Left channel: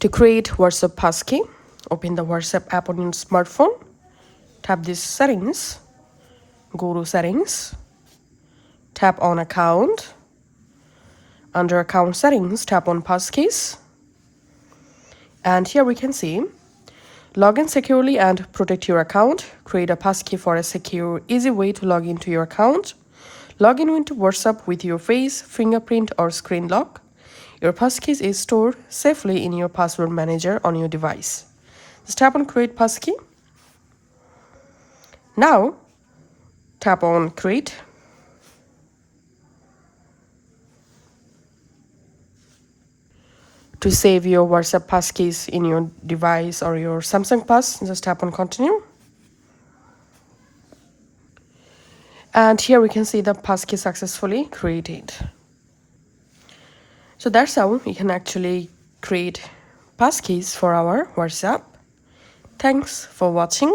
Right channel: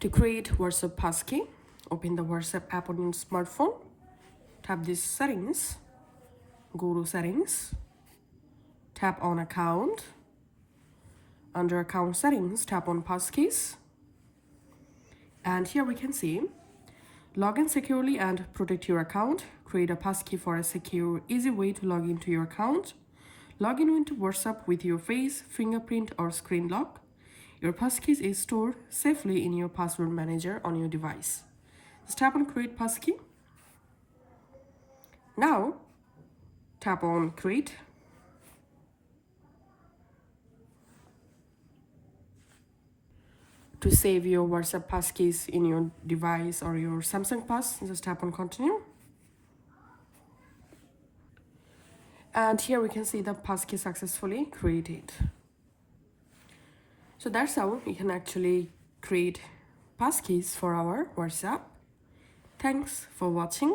To create WhatsApp Passkey, open the WhatsApp app on your smartphone. Tap this settings. Go to settings. Tap on account. Under account settings, tap on passkeys. And here we can see log in securely and protect your account. Create a passkey for a secure, easy way to log into your account. Log in into WhatsApp with your face, fingerprint, or screen lock. Your passkey is stored safely in your password manager on your device. Just tap on Create Passkey. Now, tap on Create. To save your WhatsApp passkeys in your device or your Samsung Pass, just tap on Continue. And here we can see the passkey successfully created. So that's how we can actually create passkeys for our WhatsApp. Thanks for watching.